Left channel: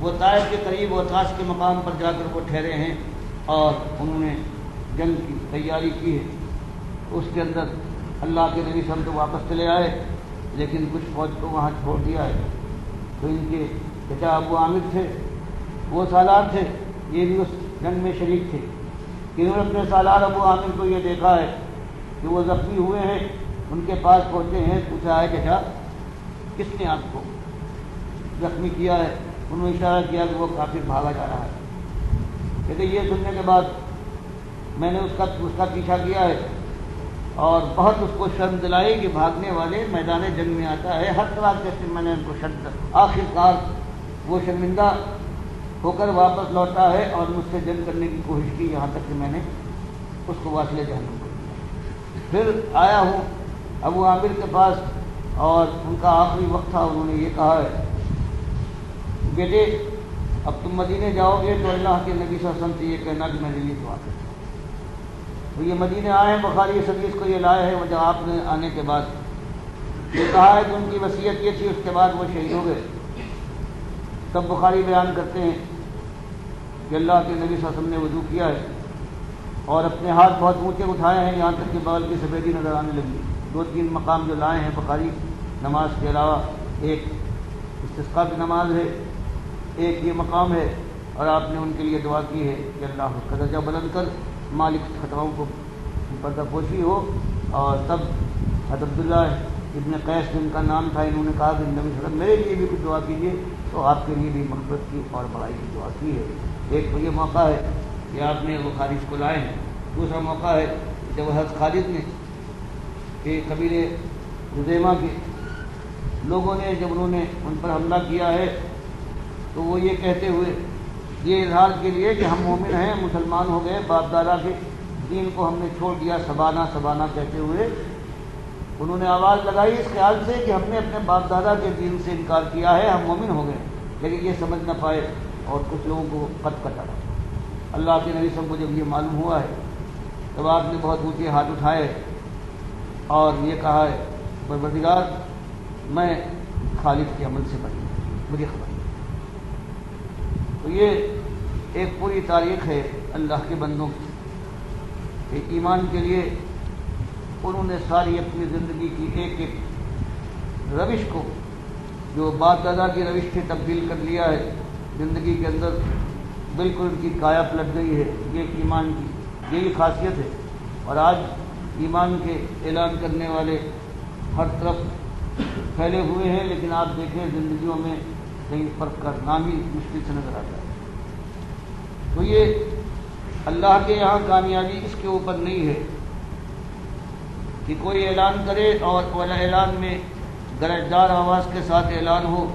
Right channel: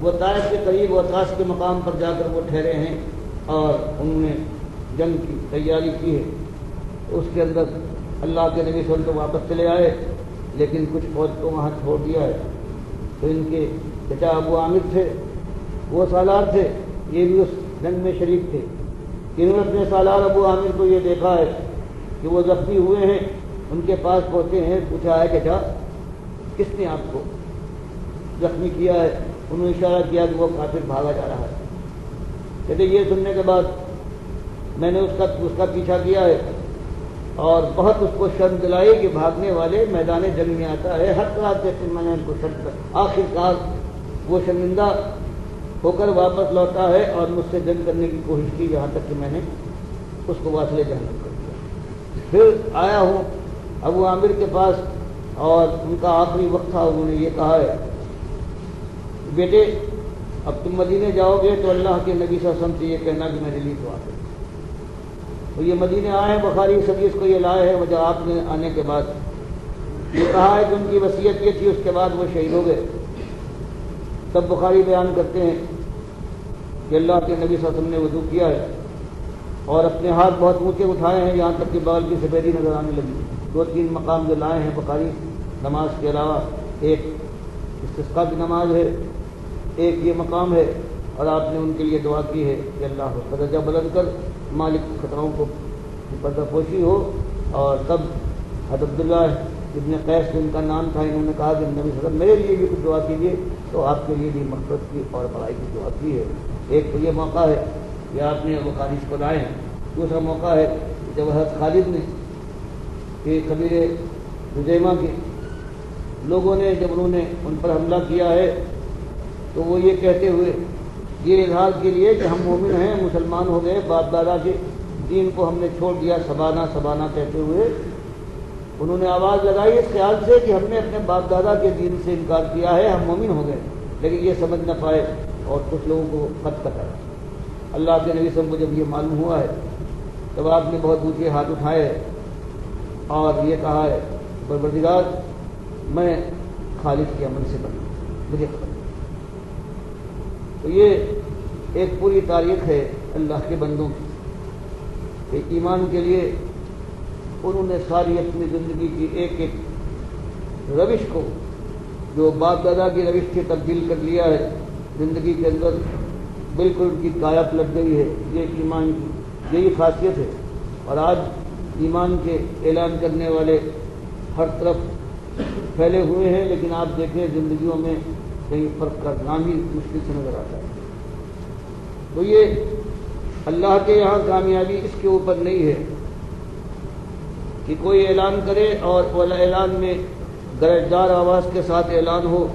وہ طائف کے قریب وطاس کے مقام پر جا کر وہ ٹھہرے ہیں اور انہوں نے جنگ کی تیاری کی ہے۔ اس کے اندر اللہ کے نبی صلی اللہ علیہ وسلم تو واپس چلے آئے، لیکن کچھ فوج کو وہاں چھوڑ دیا ہے۔ تو ان کے چچا ابو عامر تھے، وہ سالار تھے، یہ بھی اس جنگ میں شریک تھے۔ انہوں نے اپنے سالار ابو عامر کو یہ دیکھا ہے کہ وہ زخمی ہوئے ہیں، ان کے پاس پہنچے ہیں، پوچھا ہے چچا کس نے آپ کو زخمی کیا ہے؟ انہوں نے اشارہ کیا کہ وہ کافر بھاگا جا رہا ہے۔ کہتے یہ سننے کے بعد میں نے اس کا پیچھا کیا ہے اور بہت اس کو شرم دلائی کہ بھاگنے والے میدان جنگ میں آتا ہے، ہر طرح سے میں نے ان کو شرم، آخر کار وہ شرمندہ ہو کر واپس لوٹا ہے اور مجھ سے جنگ کرنے کی کوشش کی، یہاں تک کہ میں نے اس کو واصل جہنم کر دیا۔ پھر آیا ہوں ابو عامر کے پاس اور ان کا آخری وقت تھا، انہوں نے یہ کہا ہے بیٹے اب تم مدینے جاؤ گے تو اللہ کے نبی صلی اللہ علیہ وسلم سے یہ کہنا کہ میں دلی تو آ گیا۔ تو یہ مدینے آئے ہیں، بخاری اس حدیث کو یہ لائے ہیں، وجہ آپ نے آنے کے بعد یہ کہا ہے کہ ان کی وصیت یہ تھی، اس کے بعد وہ شہید ہو گئے۔ تب بخاری بیان کرتے ہیں کہ اللہ کے نبی صلی اللہ علیہ وسلم نے وضو کیا ہے اور اپنے ہاتھ بہت اونچے اٹھائے ہیں، یہاں تک کہ بال کی سفیدی نظر آنے لگی۔ 2-3 مقام جو لائے ہیں بخاری نماز کے علاوہ، ایک استسقاء کی نماز ہے، ایک یہ مقام ہے، اور آپ نے ان کے لیے دعا کی ہے کہ اللہ اس کا درجہ بلند کر، مالک خطراؤں کو پردہ پوشی ہو۔ اور تب حضرت عبداللہ ابن قیس جن کا نام تھا، انہوں نے کہا کہ نبی صلی اللہ علیہ وسلم میرے لیے بھی کچھ دعا کیجیے، تو آپ کے لیے بھی مغفرت کی اور بڑائی کی دعا کی ہے۔ ایک تو یہ موقع ہے کہ آپ نے وہ خالد کو لائے ہیں، دوسرا موقع ہے جب حضرت خالد نے کہ قبیلے خزیمہ کے لوگوں نے جب انہوں نے ان پر حملہ کیا ہے تو وہ یہ کہتے ہوئے، یہ اظہار کے لیے کہ ہم مومن ہیں، مسلمان ہو گئے، باپ دادا کے دین کو ہم نے چھوڑ دیا، سبانہ سبانہ کہتے ہوئے انہوں نے آواز لگائی اس خیال سے کہ ہم نے اپنے باپ دادا کے دین سے انکار کیا ہے، ہم مومن ہو گئے، لیکن یہ سمجھ نہ پائے اور کچھ لوگوں کو قتل کر ڈالا۔ اللہ کے نبی صلی اللہ علیہ وسلم کو جب یہ معلوم ہوا ہے تب آپ نے بہت اونچے ہاتھ اٹھائے اور یہ کہا ہے پروردگار میں خالد کے عمل سے بچوں، مجھے خبر۔ تو یہ ایک پوری تاریخ ہے اللہ کے بندوں کی کہ ایمان کے لیے انہوں نے ساری اپنی زندگی کی ایک ایک روش کو، جو باپ دادا کی روش سے تبدیل کر لیا ہے زندگی کے اندر، بالکل ان کی کایا پلٹ گئی ہے۔ یہ ایمان کی یہی خاصیت ہے، اور آج ایمان کے اعلان کرنے والے ہر طرف پھیلے ہوئے ہیں، لیکن آپ دیکھیں زندگیوں میں کہیں فرق کرنا بھی مشکل سے نظر آتا ہے۔ تو یہ اللہ کے یہاں کامیابی اس کے اوپر نہیں ہے کہ کوئی اعلان کرے اور اعلان میں درجدار آواز کے ساتھ اعلان ہو،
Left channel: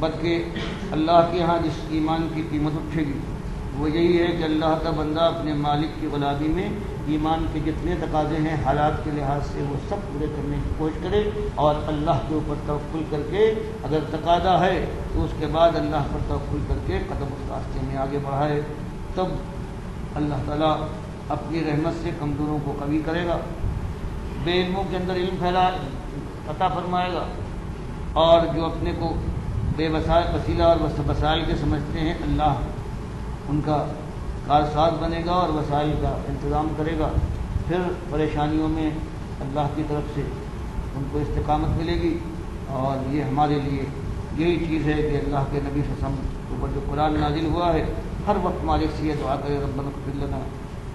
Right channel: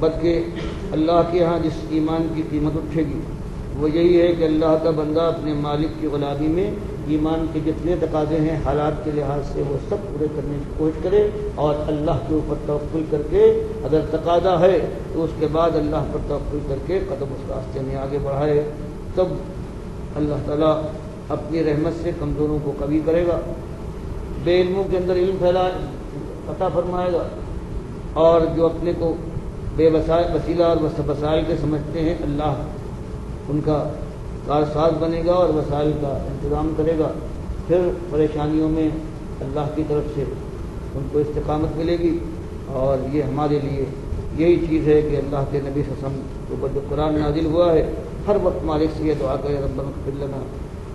بلکہ اللہ کے یہاں جس ایمان کی قیمت اٹھے گی وہ یہی ہے کہ اللہ کا بندہ اپنے مالک کی غلامی میں ایمان کے جتنے تقاضے ہیں حالات کے لحاظ سے وہ سب پورے کرنے کی کوشش کرے، اور اللہ کے اوپر توکل کر کے اگر تقاضا ہے تو اس کے بعد اللہ پر توکل کر کے قدم اس راستے میں آگے بڑھائے، تب اللہ تعالیٰ اپنی رحمت سے کمزوروں کو قوی کرے گا، بے علموں کے اندر علم عطا فرمائے گا، اور جو اپنے کو بے وسیلہ اور وسائل کے سمجھتے ہیں اللہ ان کا کارساز بنے گا اور وسائل کا انتظام کرے گا۔ پھر پریشانیوں میں اللہ کی طرف سے ان کو استقامت ملے گی، اور یہ ہمارے لیے یہی چیز ہے کہ اللہ کے نبی صلی اللہ علیہ وسلم کے اوپر جو قرآن نازل ہوا ہے ہر وقت ہمارے سے یہ دعا کرے ربنا اغفر لنا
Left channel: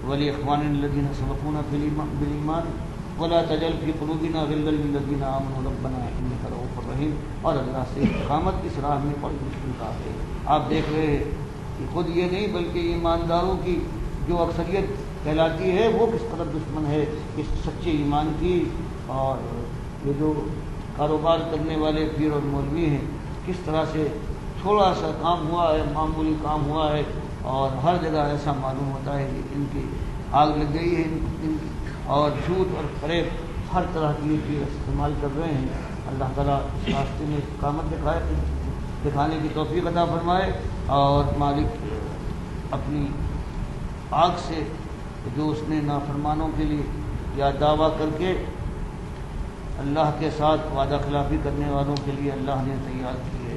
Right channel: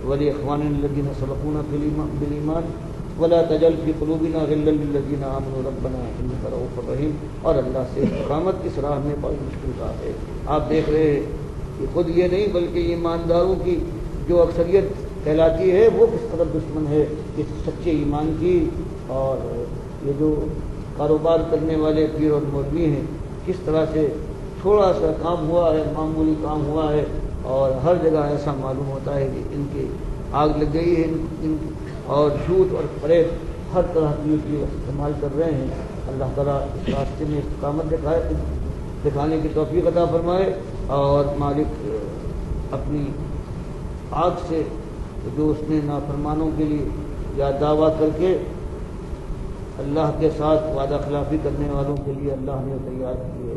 ولاخواننا الذین سبقونا بالایمان ولا تجعل فی قلوبنا غلا للذین آمنوا ربنا انک رؤوف رحیم۔ اور اللہ سے استقامت اس راہ میں بڑی مشکل کا ہے۔ آپ دیکھ رہے ہیں کہ خود یہ نہیں بلکہ ایمانداروں کی جو اکثریت کہلاتی ہے وہ کس طرح دشمن ہے اس سچے ایمان کی، اور یہ جو کاروبار کرنے والے پیر اور مولوی ہیں کس طرح سے تھوڑا سا کام ہوا ہے، معمولی کام ہوا ہے، اور ہر جگہ ایسا معلوم ہوتا ہے کہ ان کی آگ لگ گئی ہے، اور جھوٹ اور فریب ہر طرح کی چیز استعمال کر رہے ہیں۔ اللہ تعالیٰ اس راستے میں استقامت دکھانے کی توفیق عطا فرمائے، اور مالک اپنی آگ سے جو اس نے نافرمانوں کے لیے یا دعویٰ کر کے اللہ کے ساتھ وعدہ خلافی کرنے والوں کے لیے اللہ نے تیار کی ہے،